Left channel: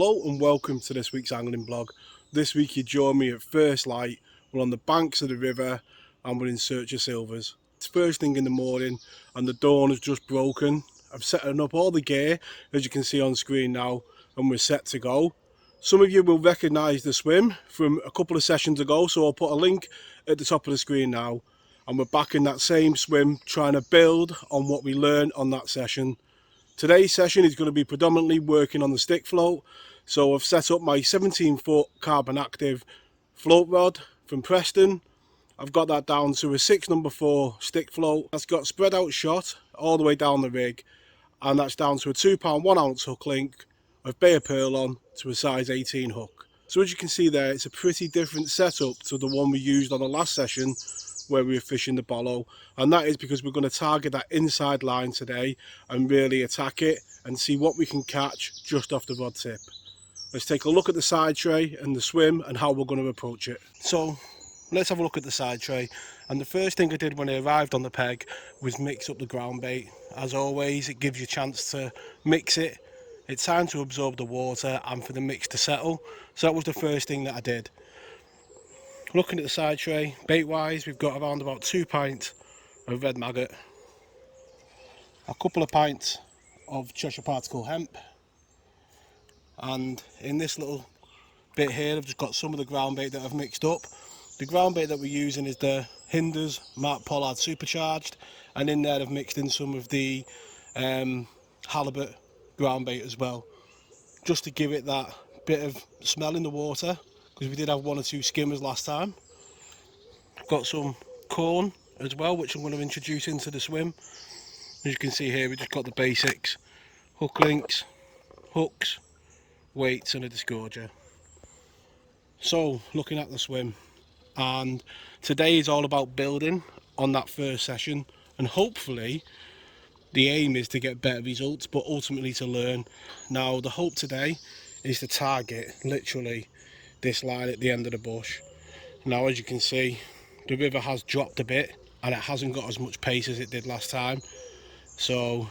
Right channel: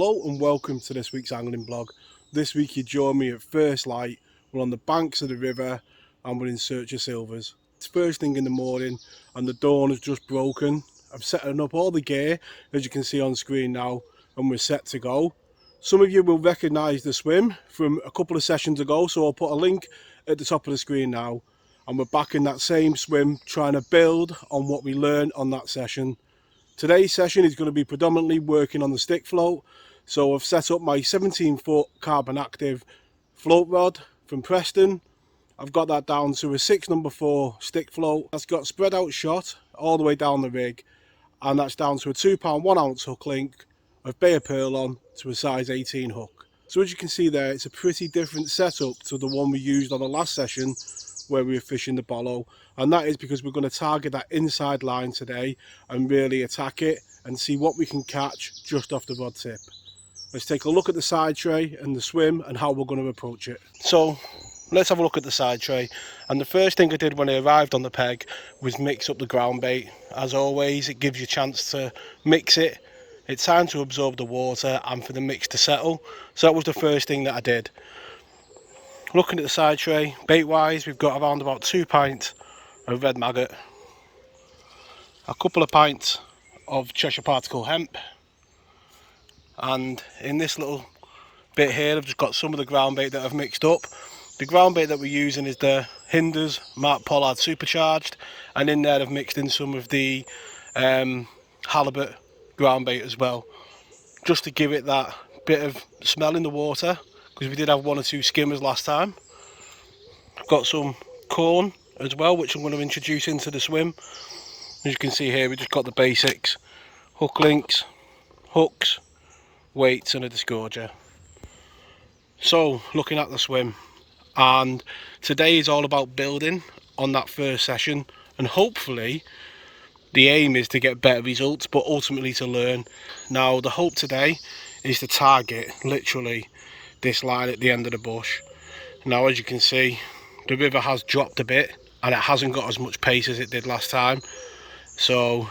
Hello and welcome to this week's angling blog. This week you join me at first light. We're on the banks of the river and we're in search of silvers. It's first thing in the morning and the dawn has just broken. I've set up all the gear as you can see on screen now and we're set to go. Some of you will recognise the swim from a couple of sessions ago, so I'll put a link at the top of the screen now, and we're back in that same swim trying to build on what we learned on that session. Today's session is going to be predominantly working on the Stickfloat. So I've set up my 17-foot carbon active float rod from Preston. I've got that down to a 6 No. 4 Stickfloat. That's got spread out shot all the way down the rig, and that's down to a 2 pound 1 ounce hook link with Bay of Pearl on to a size 18 hook. So as you can see there, it's a pretty different setup to the one we used on the last session where we were fishing the bollow, and that is because we're going to target that inside line today and really attack it and see what we can catch just off the rod tip. Let's take a look at the side tray and the swim and how we're going to approach it. So let's have a look at the side tray, and the first thing I did when I arrived on the peg was mix up the ground bait. As always, it gives you a chance to mix it. It's time to absorb the water and for the mix to settle, so that was the first thing that I did. Looking at the side tray, bait wise, we've got around about 2 pints of red maggot, a couple of pints of Cheshire particle hemp, and in this little bit here I've just got some of the ground bait that I've mixed up. The ground bait that we're using is the Hinders Mark Pollard Supercharged, and in there I've mixed in some of the halibut ground bait as well, just to give it that bit of smell in the water, because we did have 1 or 2 skimmers last time. I've got some corn as well, which I'm going to introduce into the swim. As you can see here, we just got the basics: hook links, hooks, weights and a disgorger. So looking at the swim, and today is all about building on that first session, and hopefully the aim is to get better results, but ultimately to learn. Now the hope today is to target literally this line at the end of the bush. Now as you can see, the river has dropped a bit and it hasn't got as much pace as it did last time, so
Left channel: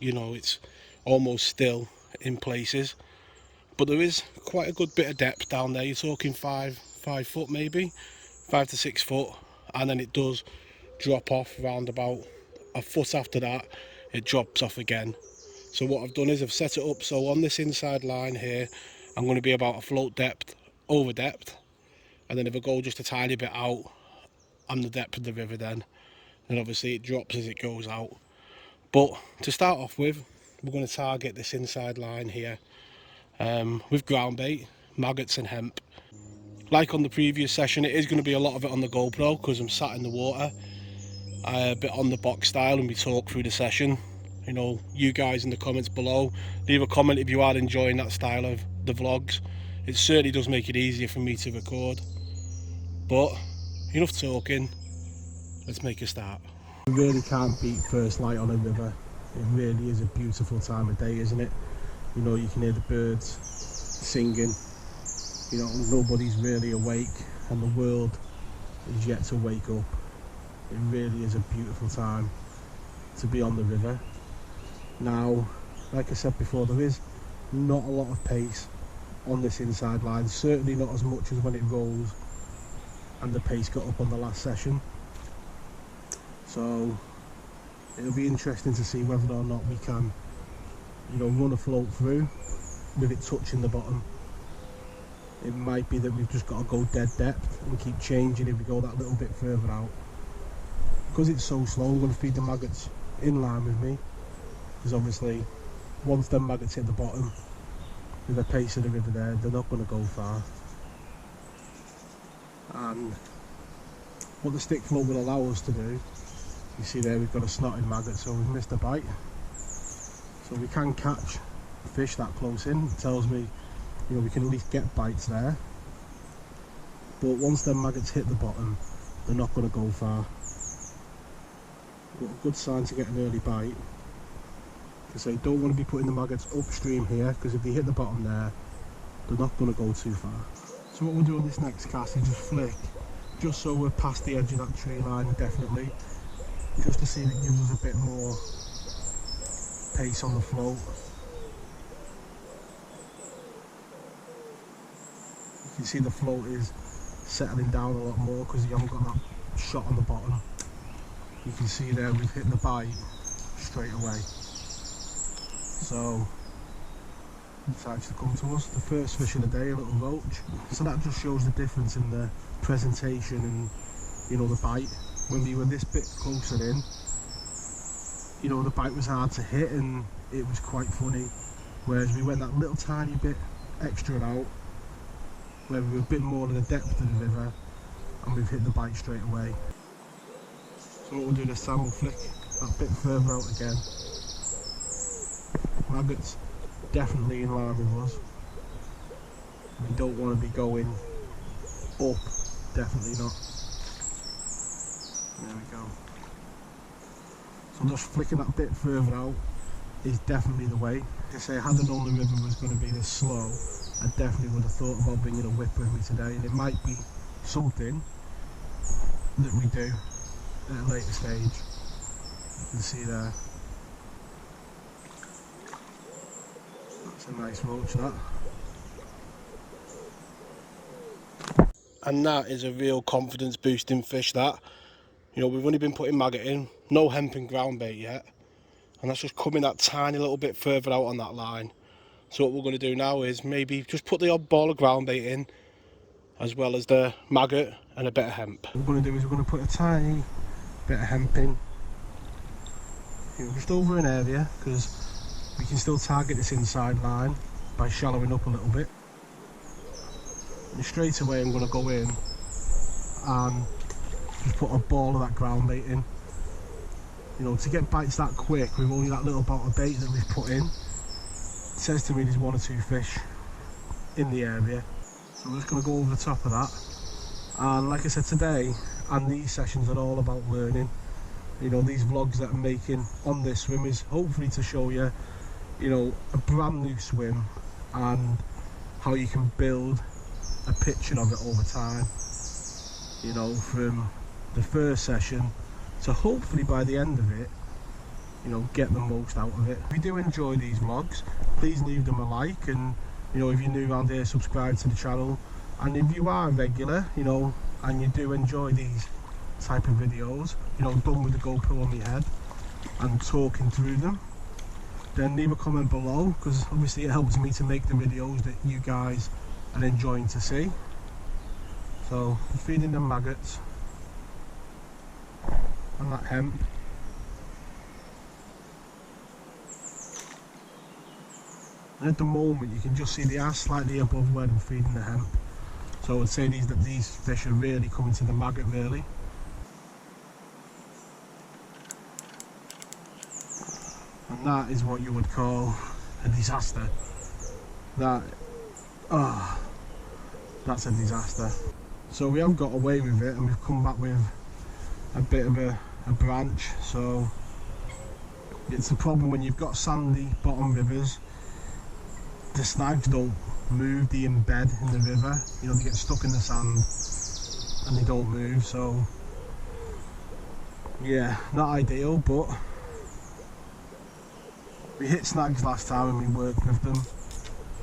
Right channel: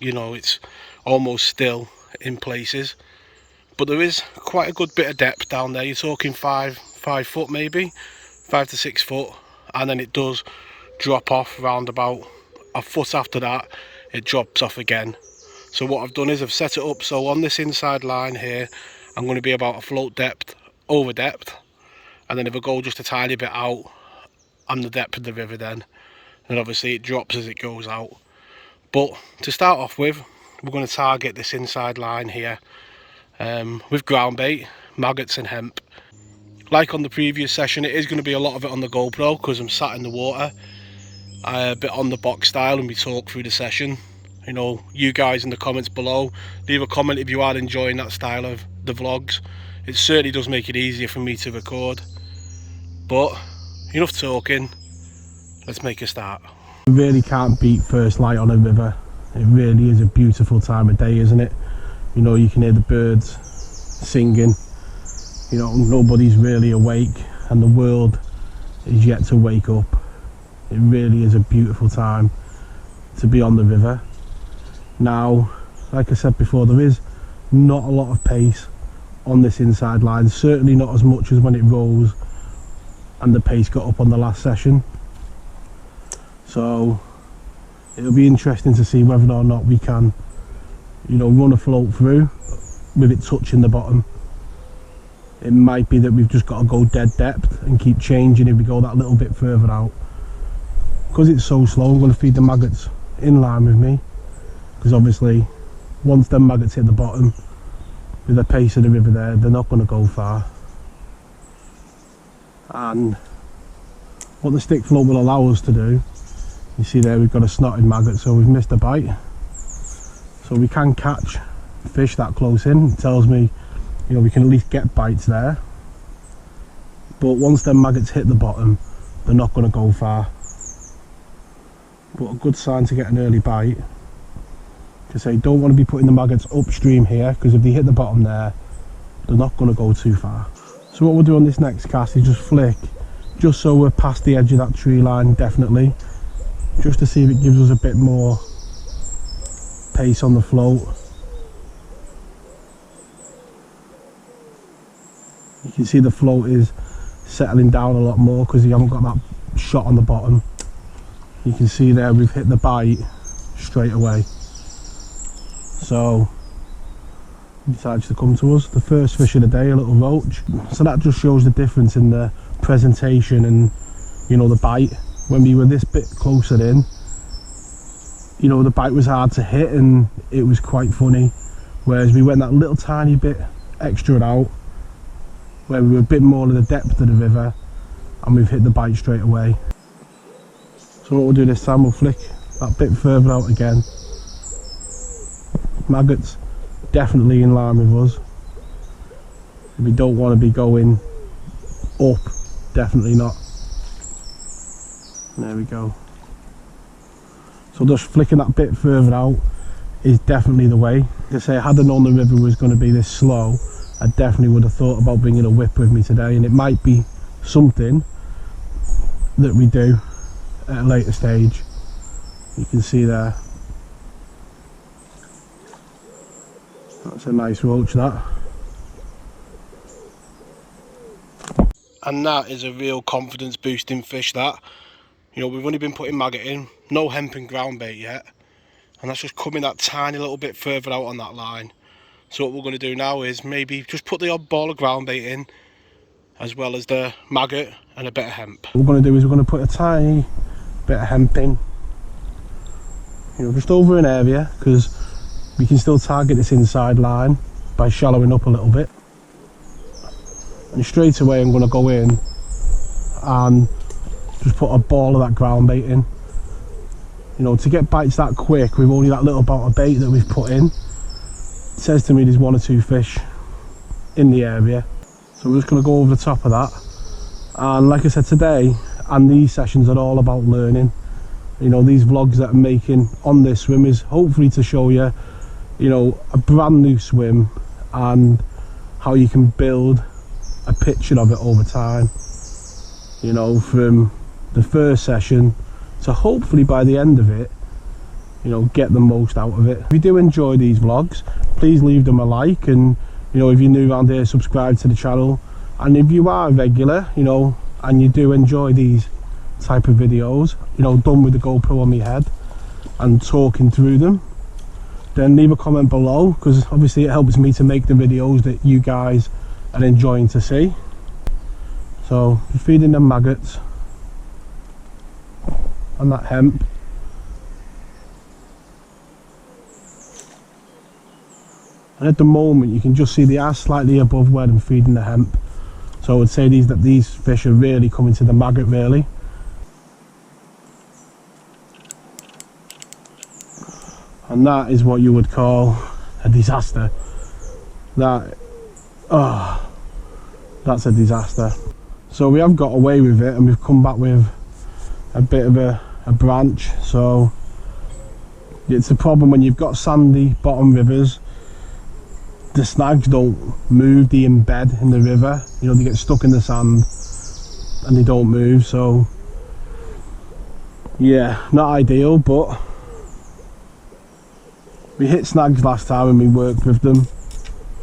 you know it's almost still in places, but there is quite a good bit of depth down there. You're talking 5 foot, maybe 5 to 6 foot, and then it does drop off around about a foot. After that it drops off again. So what I've done is I've set it up so on this inside line here I'm going to be about a float depth over depth, and then if I go just a tiny bit out I'm the depth of the river then, and obviously it drops as it goes out. But to start off with, we're going to target this inside line here with ground bait, maggots and hemp. Like on the previous session, it is going to be a lot of it on the GoPro because I'm sat in the water, a bit on the box style, and we talk through the session. You know, you guys in the comments below, leave a comment if you are enjoying that style of the vlogs. It certainly does make it easier for me to record. But enough talking, let's make a start. You really can't beat first light on a river. It really is a beautiful time of day, isn't it? You know, you can hear the birds singing, you know, nobody's really awake and the world is yet to wake up. It really is a beautiful time to be on the river. Now, like I said before, there is not a lot of pace on this inside line, certainly not as much as when it rose and the pace got up on the last session. So it'll be interesting to see whether or not we can, you know, run a float through with it touching the bottom. It might be that we've just got to go dead depth and keep changing if we go that little bit further out. Because it's so slow, I'm going to feed the maggots in line with me, because obviously once them maggots hit the bottom with the pace of the river there, they're not going to go far. And what the Stickfloat will allow us to do, you see there we've got a snotted maggot, so we've missed a bite. So we can catch fish that close in. It tells me, you know, we can at least get bites there. But once them maggots hit the bottom, they're not going to go far. But a good sign to get an early bite, because I don't want to be putting the maggots upstream here, because if they hit the bottom there, they're not going to go too far. So what we'll do on this next cast is just flick, just so we're past the edge of that tree line, definitely, just to see if it gives us a bit more pace on the float. can see the float is settling down a lot more because you haven't got that shot on the bottom. You can see there we've hit the bite straight away. So he decided to come to us. The first fish of the day, a little roach. So that just shows the difference in the presentation and, you know, the bite. When we were this bit closer in, you know, the bite was hard to hit and it was quite funny. Whereas we went that little tiny bit extra out, where we were a bit more of the depth of the river, and we've hit the bite straight away. So what we'll do this time, we'll flick that bit further out again. Maggots definitely in line with us. We don't want to be going up, definitely not. There we go. So just flicking that bit further out is definitely the way. Like I say, had I known the river was going to be this slow, I definitely would have thought about bringing a whip with me today, and it might be something that we do at a later stage. You can see there. That's a nice roach, that. And that is a real confidence boosting fish, that. You know, we've only been putting maggot in, no hemp and ground bait yet, and that's just coming that tiny little bit further out on that line. So what we're going to do now is maybe just put the odd ball of ground bait in, as well as the maggot and a bit of hemp. What we're going to do is we're going to put a tiny bit of hemp in, you know, just over an area, because we can still target this inside line by shallowing up a little bit. And straight away I'm going to go in and just put a ball of that ground bait in. You know, to get bites that quick with only that little bout of bait that we've put in, it says to me there's 1 or 2 fish in the area. So we're just going to go over the top of that. And like I said, today and these sessions are all about learning. You know, these vlogs that I'm making on this swim is hopefully to show you, you know, a brand new swim and how you can build a picture of it over time. You know, from the first session to hopefully by the end of it, you know, get the most out of it. If you do enjoy these vlogs, please leave them a like, and you know, if you're new around here, subscribe to the channel. And if you are a regular, you know, and you do enjoy these type of videos, you know, done with the GoPro on my head and talking through them, then leave a comment below, because obviously it helps me to make the videos that you guys are enjoying to see. So feeding them maggots and that hemp. And at the moment you can just see they are slightly above where I'm feeding the hemp. So I would say these fish are really coming to the maggot really. And that is what you would call a disaster. That's a disaster. So we have got away with it, and we've come back with a bit of a branch. So it's a problem when you've got sandy bottom rivers. The snags don't move, they embed in the river. You know, they get stuck in the sand and they don't move. So yeah, not ideal, but we hit snags last time and we worked with them.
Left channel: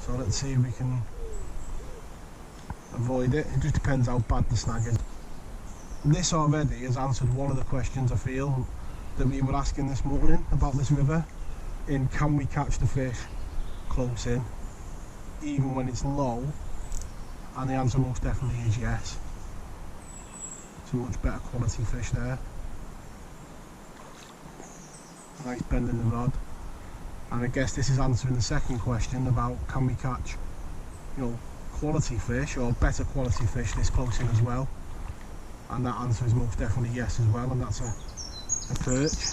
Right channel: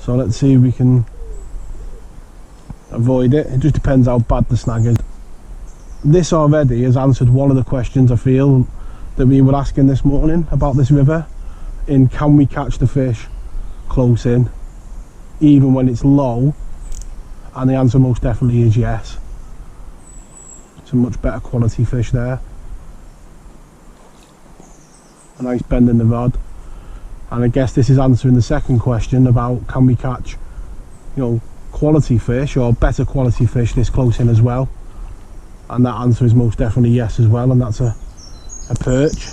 So let's see if we can avoid it. It just depends how bad the snag is. This already has answered one of the questions I feel that we were asking this morning about this river, in can we catch the fish close in even when it's low, and the answer most definitely is yes. It's a much better quality fish there. A nice bend in the rod. And I guess this is answering the second question about can we catch, you know, quality fish or better quality fish this close in as well. And that answer is most definitely yes as well, and that's a perch.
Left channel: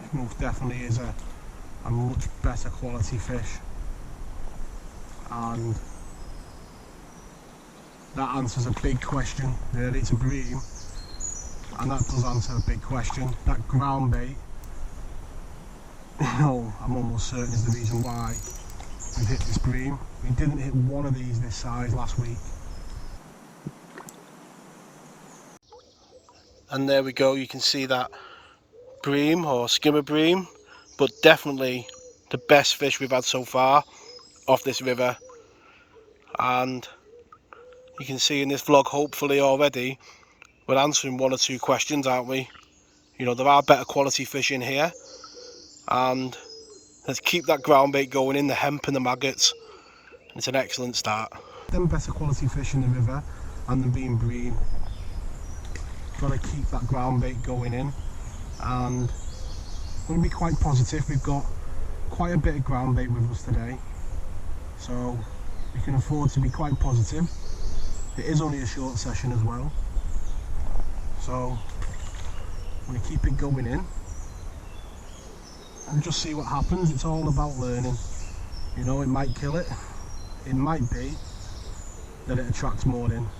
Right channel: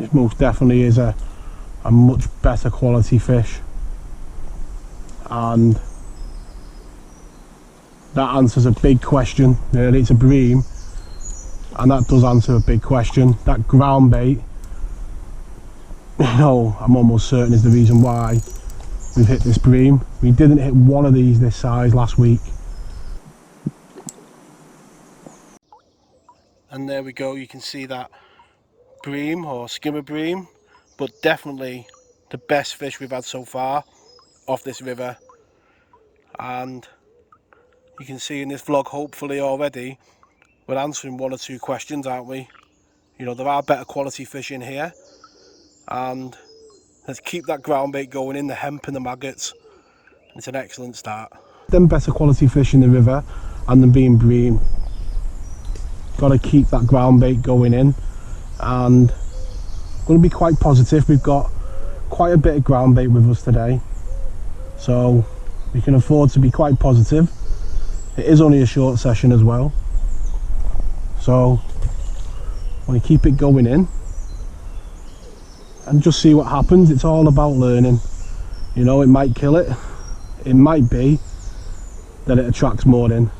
This most definitely is a much better quality fish, and that answers a big question. Really, it's a bream, and that does answer a big question. That ground bait, you know, I'm almost certain is the reason why we've hit this bream. We didn't hit one of these this size last week. And there we go, you can see that bream or skimmer bream, but definitely the best fish we've had so far off this river. And you can see in this vlog, hopefully already, we're answering one or two questions, aren't we? You know, there are better quality fish in here, and let's keep that ground bait going in, the hemp and the maggots. It's an excellent start. Them better quality fish in the river and them being bream. Got to keep that ground bait going in, and I'm going to be quite positive. We've got quite a bit of ground bait with us today, so we can afford to be quite positive. It is only a short session as well, so I want to keep it going in and just see what happens. It's all about learning. You know, it might kill it, it might be that it attracts more in.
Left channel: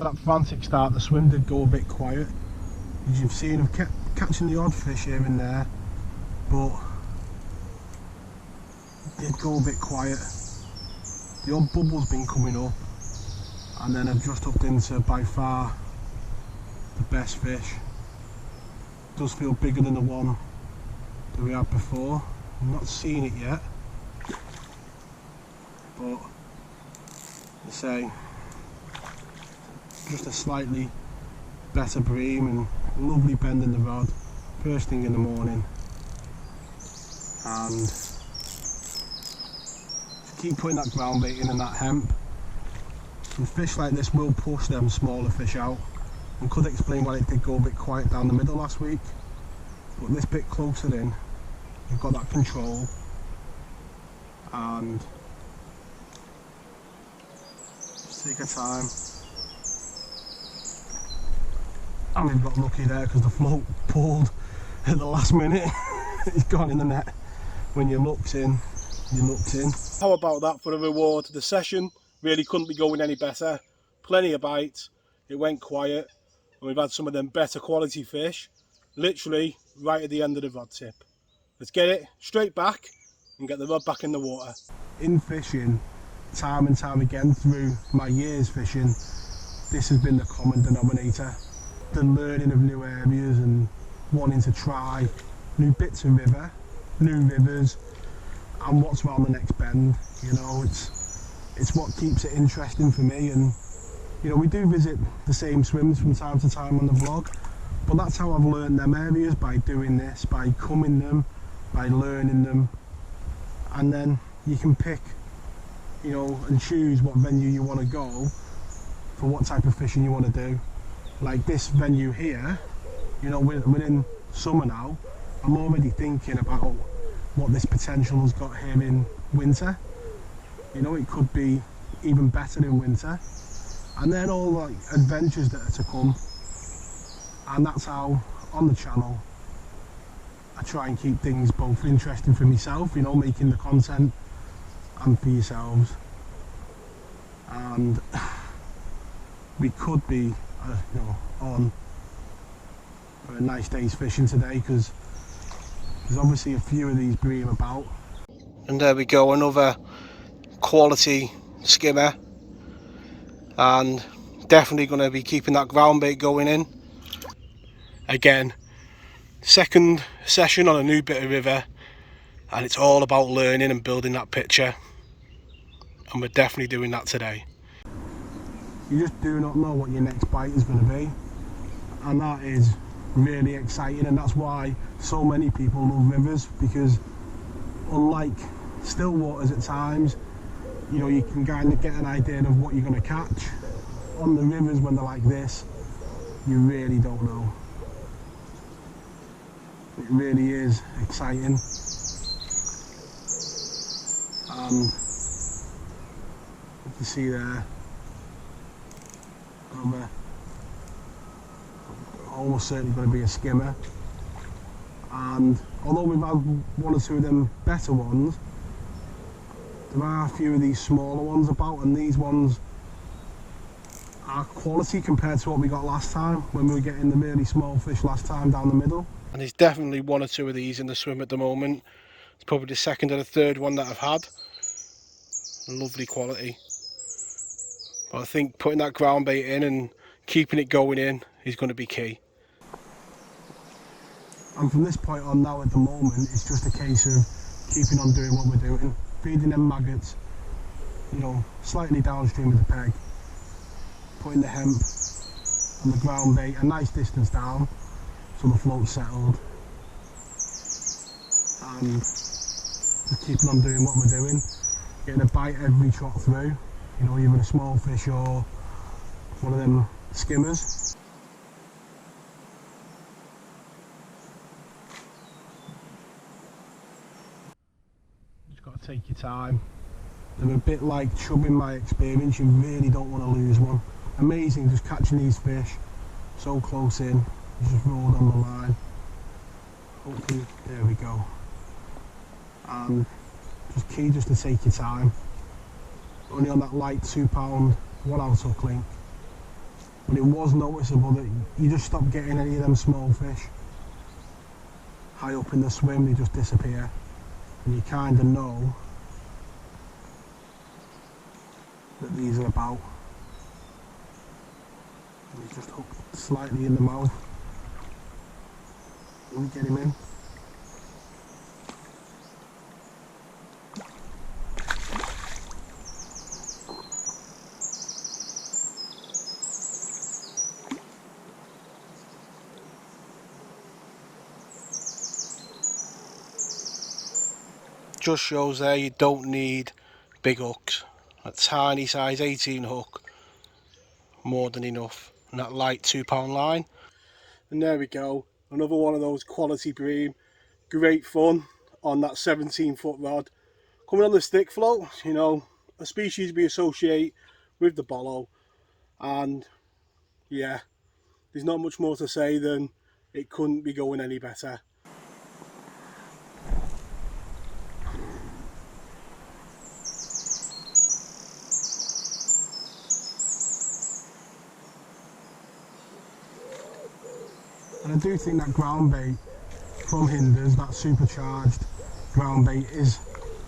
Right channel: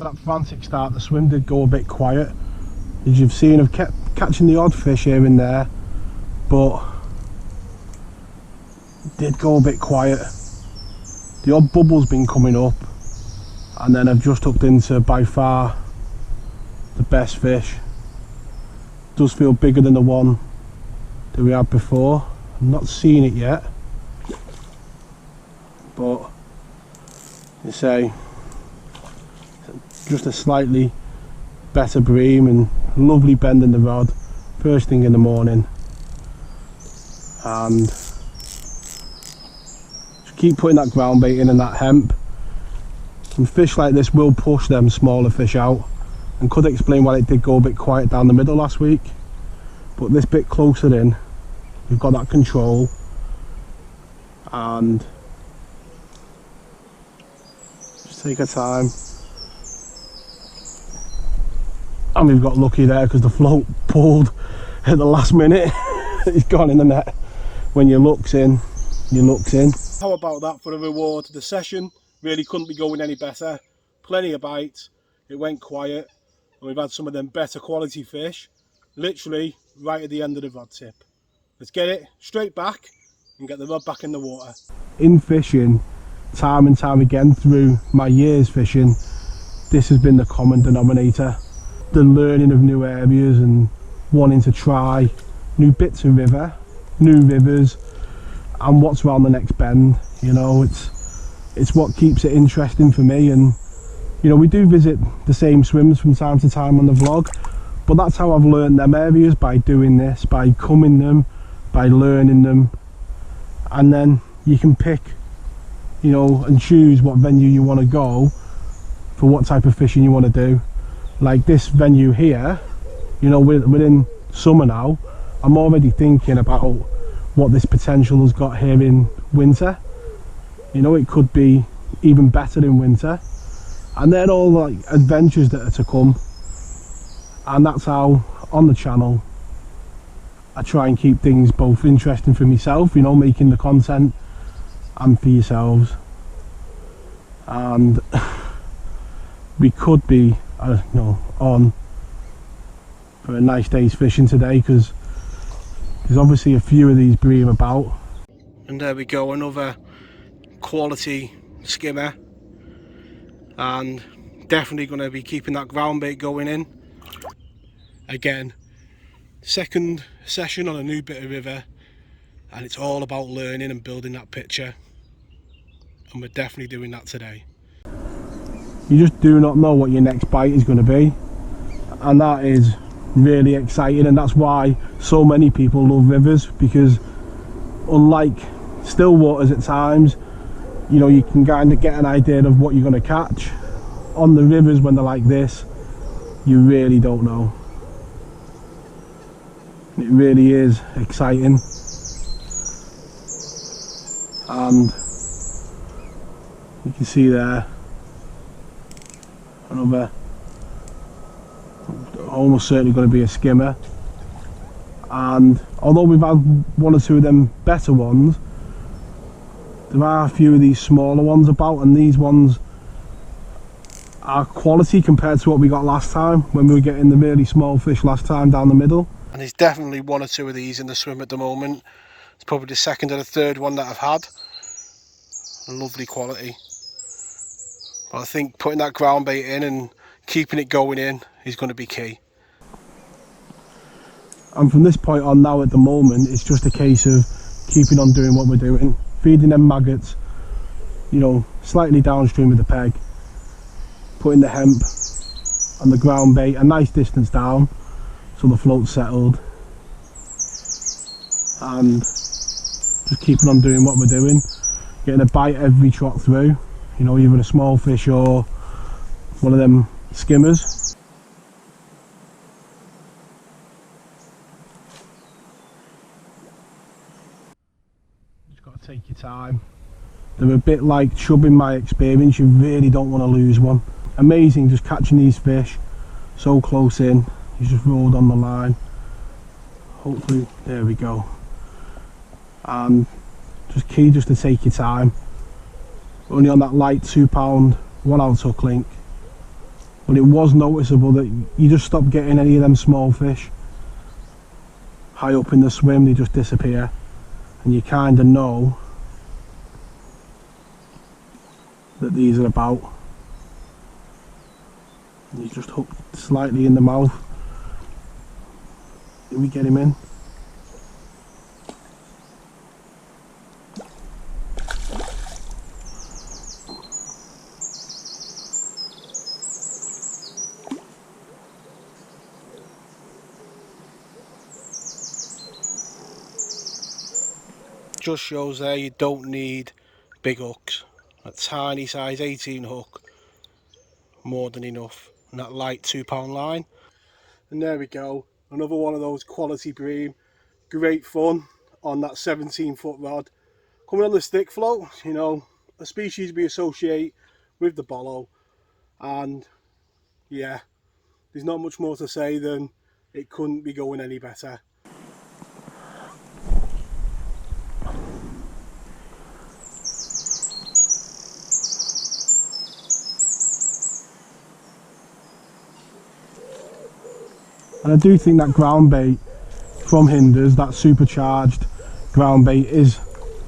That frantic start, the swim did go a bit quiet, as you've seen. I've kept catching the odd fish here and there, but it did go a bit quiet. The odd bubble's been coming up, and then I've just hooked into by far the best fish. It does feel bigger than the one that we had before. I've not seen it yet, but you say just a slightly better bream and lovely bend in the rod first thing in the morning, and just keep putting that ground bait in and that hemp. Some fish like this will push them smaller fish out, and could explain why it did go a bit quiet down the middle last week. But this bit closer in, you've got that control, and just take our time. And we've got lucky there because the float pulled at the last minute. It's gone in the net. When your luck's in, your luck's in. How about that for a reward? The session really couldn't be going any better. Plenty of bites, it went quiet, and we've had some of them better quality fish literally right at the end of the rod tip. Let's get it straight back and get the rod back in the water. In fishing, time and time again through my years fishing, this has been the common denominator. The learning of new areas and wanting to try new bits of river, new rivers, and what's around the next bend. You know, it's what keeps it interesting for me. And you know, we do visit the same swims from time to time on the vlog, but that's how I've learned them areas, by doing this, by coming them, by learning them. And then you can pick, you know, and choose what venue you want to go for what type of fishing you want to do. Like this venue here, you know, we're in summer now. I'm already thinking about what this potential has got here in winter. You know, it could be even better in winter. And then all the like adventures that are to come. And that's how on the channel I try and keep things both interesting for myself, you know, making the content, and for yourselves. And we could be on for a nice day's fishing today, because there's obviously a few of these bream about. And there we go, another quality skimmer, and definitely going to be keeping that ground bait going in. Again, second session on a new bit of river, and it's all about learning and building that picture, and we're definitely doing that today. You just do not know what your next bite is going to be, and that is really exciting, and that's why so many people love rivers, because unlike still waters at times, you know, you can kind of get an idea of what you're going to catch. On the rivers when they're like this, you really don't know. It really is exciting. And you can see there another, almost certainly going to be a skimmer. And although we've had one or two of them better ones, there are a few of these smaller ones about, and these ones are quality compared to what we got last time when we were getting the really small fish last time down the middle. And there's definitely one or two of these in the swim at the moment. It's probably the second or the third one that I've had. Lovely quality. But I think putting that ground bait in and keeping it going in is going to be key. And from this point on now, at the moment, it's just a case of keeping on doing what we're doing, feeding them maggots, you know, slightly downstream of the peg, putting the hemp and the ground bait a nice distance down so the float's settled, and just keeping on doing what we're doing, getting a bite every trot through, you know, either a small fish or one of them skimmers. Just got to take your time. They're a bit like chub in my experience, you really don't want to lose one. Amazing just catching these fish so close in. You just rolled on the line. Hopefully, there we go. And just key just to take your time. Only on that light 2 pound 1 ounce hook link. But it was noticeable that you just stop getting any of them small fish. High up in the swim, they just disappear. And you kind of know that these are about. And he's just hooked slightly in the mouth. Did we get him in? Just shows there you don't need big hooks. A tiny size 18 hook, more than enough. And that light 2 pound line. And there we go, another one of those quality bream. Great fun on that 17-foot rod. Coming on the Stickfloat, you know, a species we associate with the bollow. And yeah, there's not much more to say than it couldn't be going any better. And I do think that ground bait from Hinders, that supercharged ground bait, is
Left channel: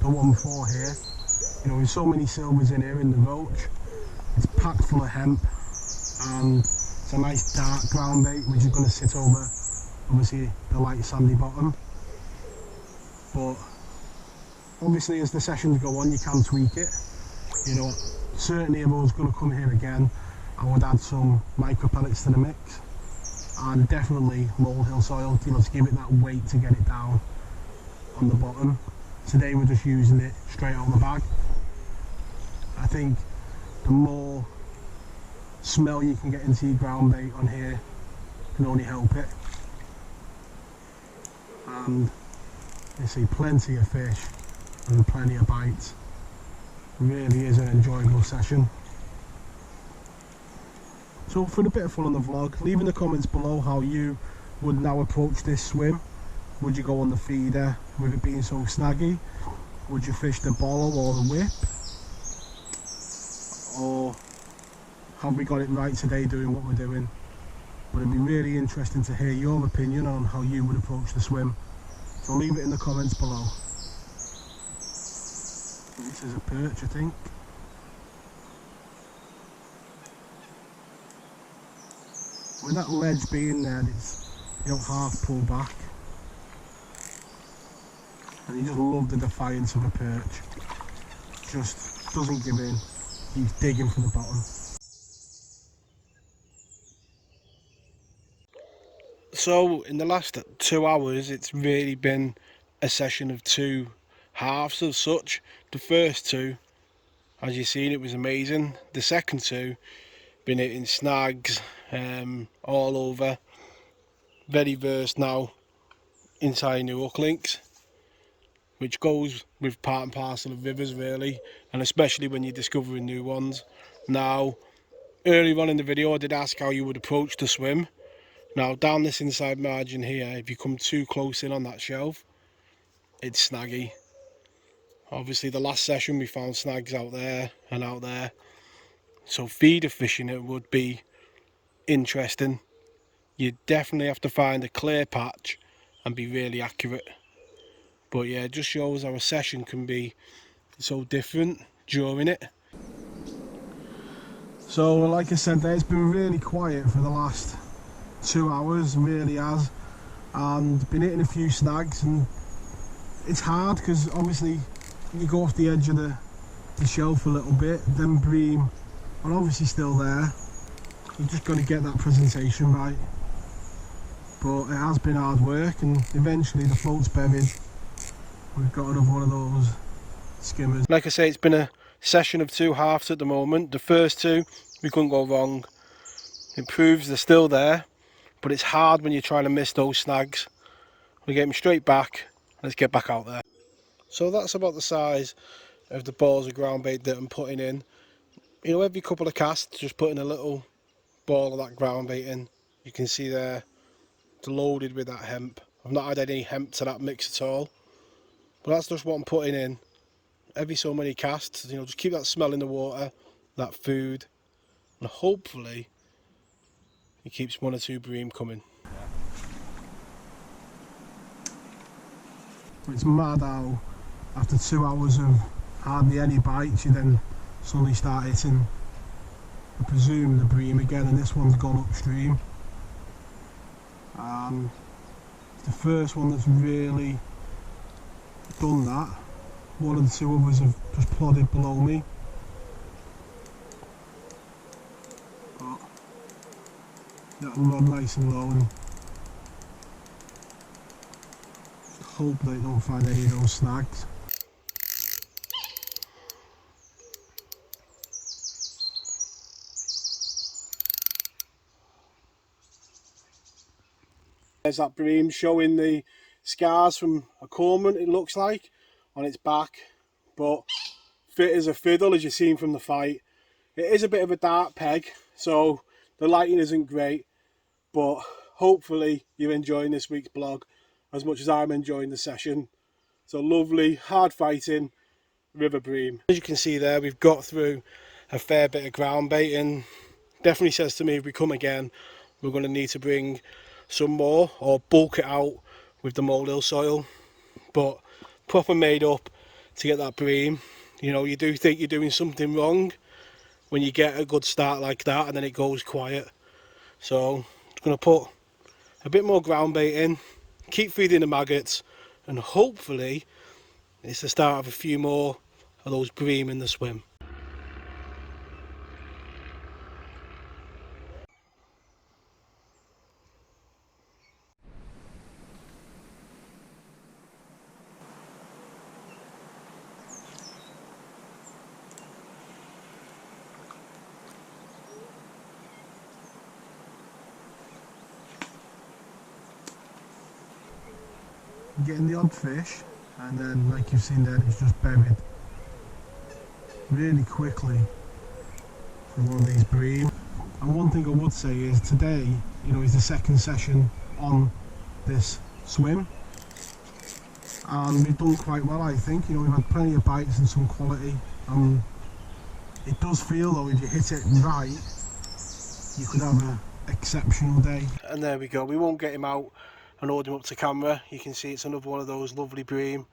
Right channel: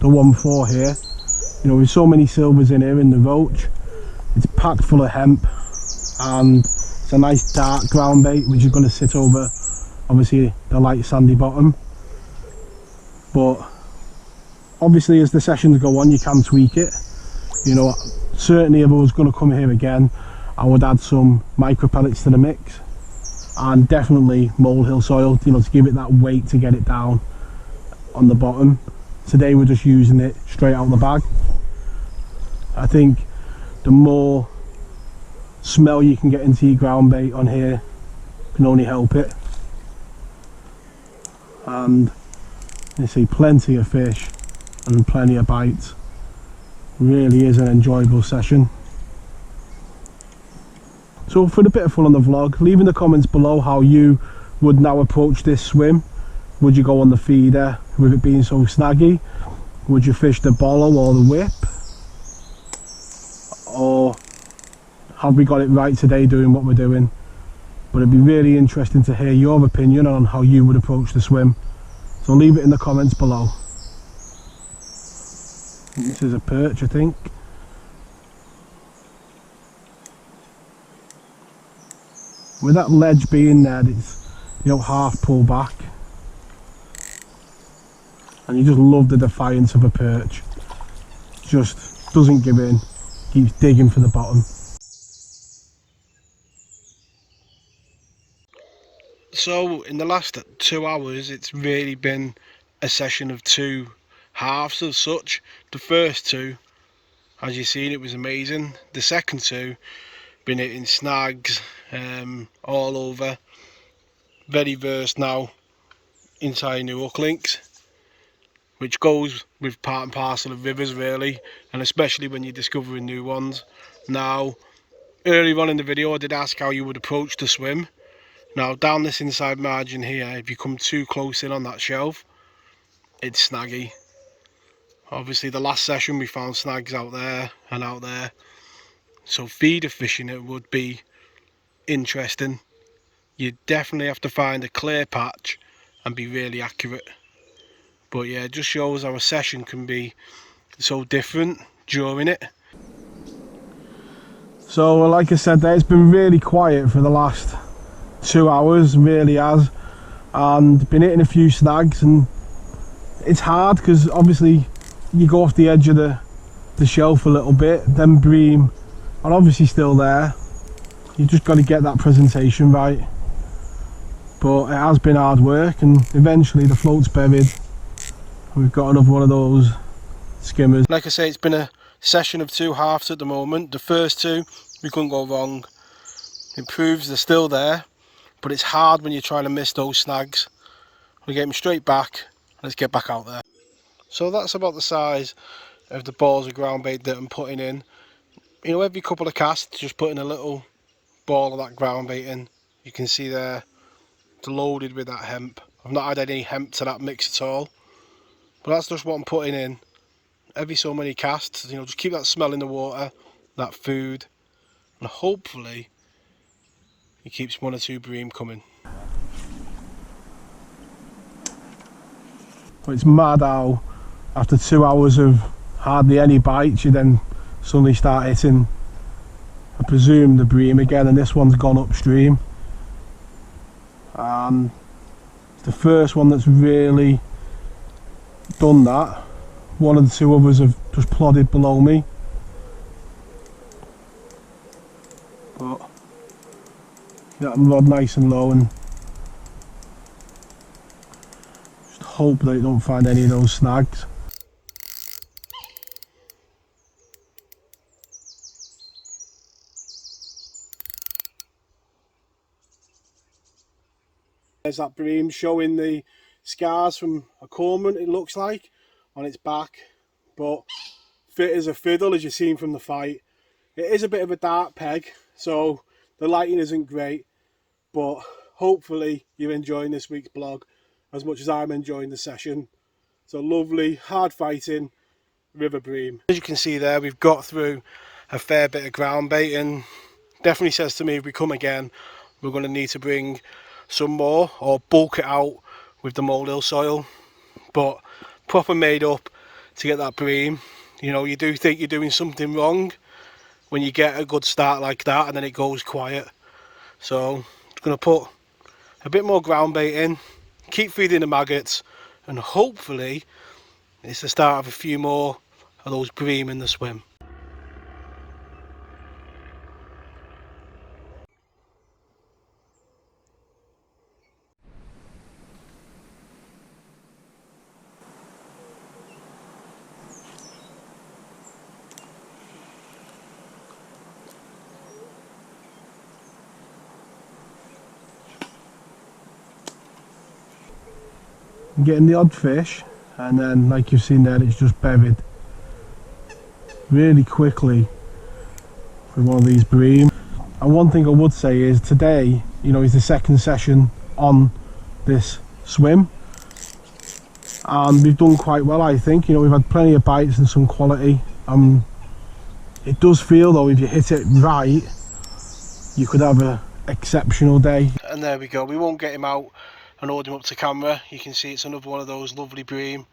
the one for here. You know, with so many silvers in here in the roach, it's packed full of hemp, and it's a nice dark ground bait which is going to sit over obviously the light sandy bottom. But obviously as the sessions go on you can tweak it. You know, certainly if I was going to come here again, I would add some micro pellets to the mix, and definitely molehill soil, you know, to give it that weight to get it down on the bottom. Today we're just using it straight out of the bag. I think the more smell you can get into your ground bait on here can only help it. And you see plenty of fish and plenty of bites. Really is an enjoyable session. So for a bit of fun on the vlog, leave in the comments below how you would now approach this swim. Would you go on the feeder with it being so snaggy? Would you fish the bollow or the whip? Or have we got it right today doing what we're doing? But it'd be really interesting to hear your opinion on how you would approach the swim. So leave it in the comments below. This is a perch, I think. With that ledge being there, it's, you know, half pull back, and you just love the defiance of a perch. Just doesn't give in, keeps digging for the bottom. So in the last 2 hours it's really been a session of two halves as such. The first two, as you've seen, it was amazing. The second two, been hitting snags all over. Very versed now into new hook links, which goes with part and parcel of rivers really, and especially when you're discovering new ones. Now, earlier on in the video I did ask how you would approach the swim. Now down this inside margin here, if you come too close in on that shelf, it's snaggy. Obviously the last session we found snags out there and out there, so feeder fishing it would be interesting. You definitely have to find a clear patch and be really accurate. But yeah, it just shows how a session can be so different during it. So like I said there, it's been really quiet for the last 2 hours, really has, and been hitting a few snags, and it's hard because obviously you go off the edge of the shelf a little bit, then bream are obviously still there. You just got to get that presentation right, but it has been hard work, and eventually the float's buried. We've got another one of those skimmers. Like I say, it's been a session of two halves at the moment. The first two, we couldn't go wrong. It proves they're still there, but it's hard when you're trying to miss those snags. We get them straight back. Let's get back out there. So that's about the size of the balls of ground bait that I'm putting in. You know, every couple of casts, just putting a little ball of that ground bait in. You can see there, it's loaded with that hemp. I've not had any hemp to that mix at all, but that's just what I'm putting in. Every so many casts, you know, just keep that smell in the water, that food, and hopefully it keeps one or two bream coming. It's mad how after 2 hours of hardly any bites you then suddenly start hitting, I presume, the bream again, and this one's gone upstream. The first one that's really done that. One of the two others have just plodded below me, but that rod nice and low, and just hope they don't find any of those snags. There's that bream showing the scars from a cormorant, it looks like, on its back, but fit as a fiddle, as you've seen from the fight. It is a bit of a dark peg, so the lighting isn't great, but hopefully you're enjoying this week's blog as much as I'm enjoying the session. So lovely, hard fighting river bream. As you can see there, we've got through a fair bit of ground bait, and definitely says to me if we come again we're going to need to bring some more or bulk it out with the molehill soil, but proper made up to get that bream. You know, you do think you're doing something wrong when you get a good start like that and then it goes quiet. So I'm going to put a bit more ground bait in, keep feeding the maggots, and hopefully it's the start of a few more of those bream in the swim. I'm getting the odd fish, and then like you've seen there, it's just buried really quickly with one of these bream. And one thing I would say is today, you know, is the second session on this swim, and we've done quite well, I think. You know, we've had plenty of bites and some quality. It does feel though, if you hit it right, you could have an exceptional day. And there we go, we won't get him out and hold him up to camera. You can see it's another one of those lovely bream,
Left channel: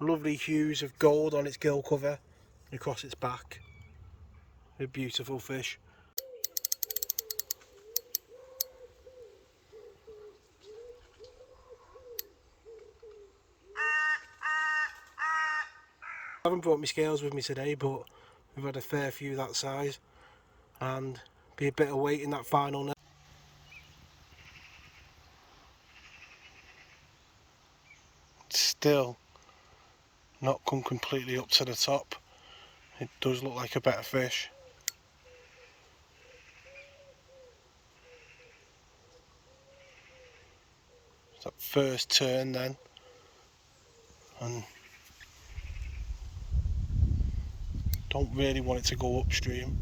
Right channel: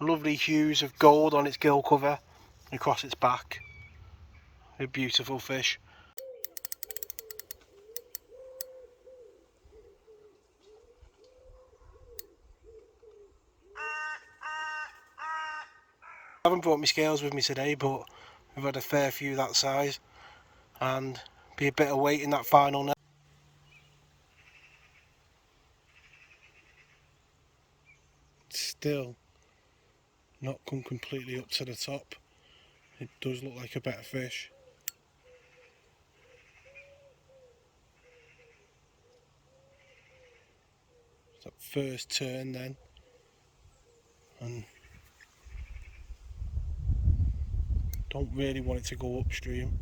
lovely hues of gold on its gill cover and across its back. A beautiful fish. I haven't brought my scales with me today, but we've had a fair few that size, and be a bit of weight in that final net. still not come completely up to the top. It does look like a better fish. It's that first turn then, and don't really want it to go upstream.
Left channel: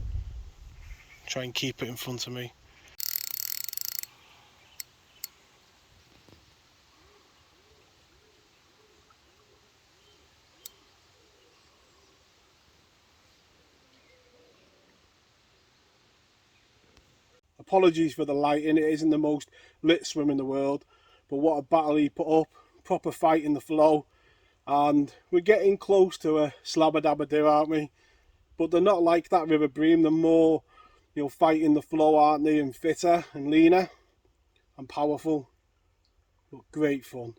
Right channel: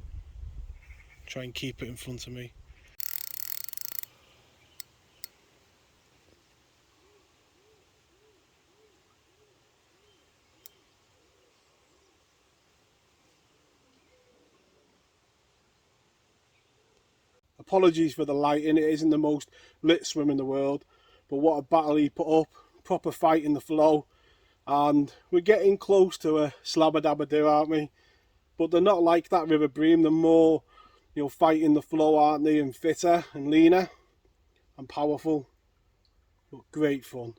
Try and keep it in front of me. Apologies for the lighting, it isn't the most lit swim in the world, but what a battle he put up, proper fight in the flow, and we're getting close to a slabber-dabber-do, aren't we? But they're not like that River Bream, they're more, you know, fighting the flow, aren't they, and fitter and leaner and powerful, but great fun.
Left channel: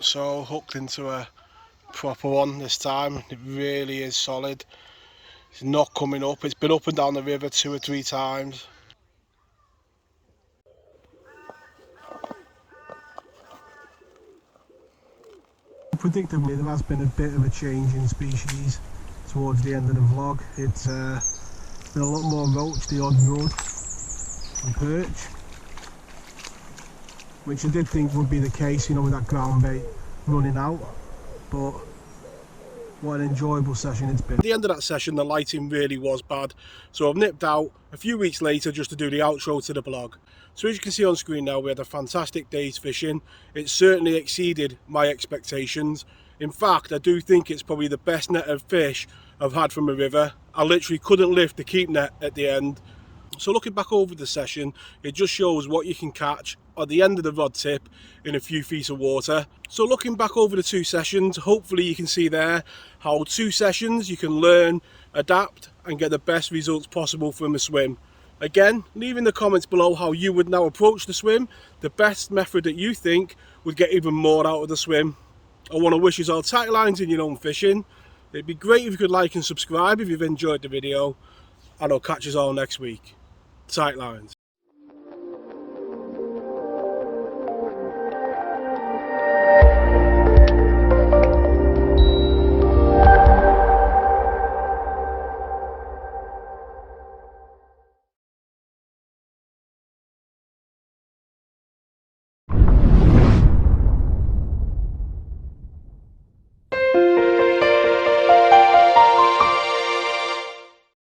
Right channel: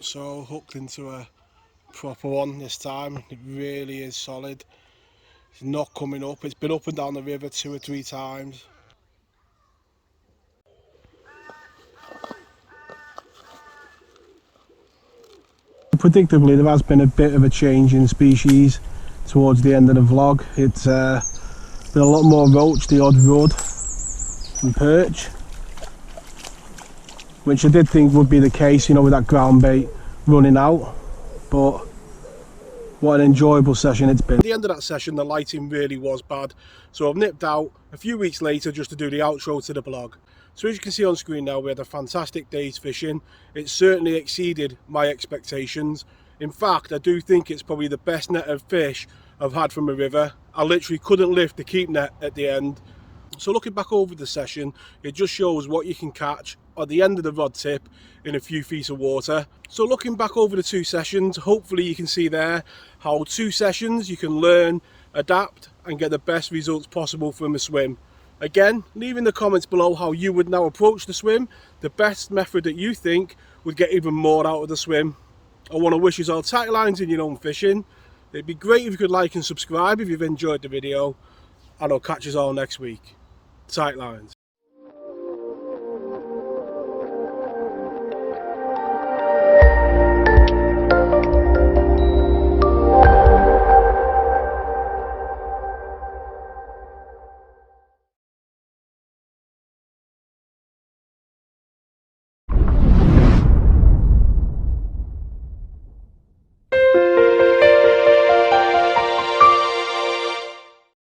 So hooked into a proper one this time. It really is solid. It's not coming up, it's been up and down the river 2 or 3 times. Predictably, there has been a bit of a change in species towards the end of the vlog. It's been a lot more roach, the odd rudd and perch, which I did think would be the case, you know, with that ground bait running out. But what an enjoyable session it's been. At the end of that session, the lighting really was bad, so I've nipped out a few weeks later just to do the outro to the blog. So as you can see on screen now, we had a fantastic day's fishing. It certainly exceeded my expectations. In fact, I do think it's probably the best net of fish I've had from a river. I literally couldn't lift the keep net at the end. So looking back over the session, it just shows what you can catch at the end of the rod tip in a few feet of water. So looking back over the 2 sessions, hopefully you can see there how 2 sessions you can learn, adapt and get the best results possible from a swim. Again, leave in the comments below how you would now approach the swim, the best method that you think would get even more out of the swim. I want to wish you all tight lines in your own fishing. It'd be great if you could like and subscribe if you've enjoyed the video, and I'll catch you all next week. Tight lines.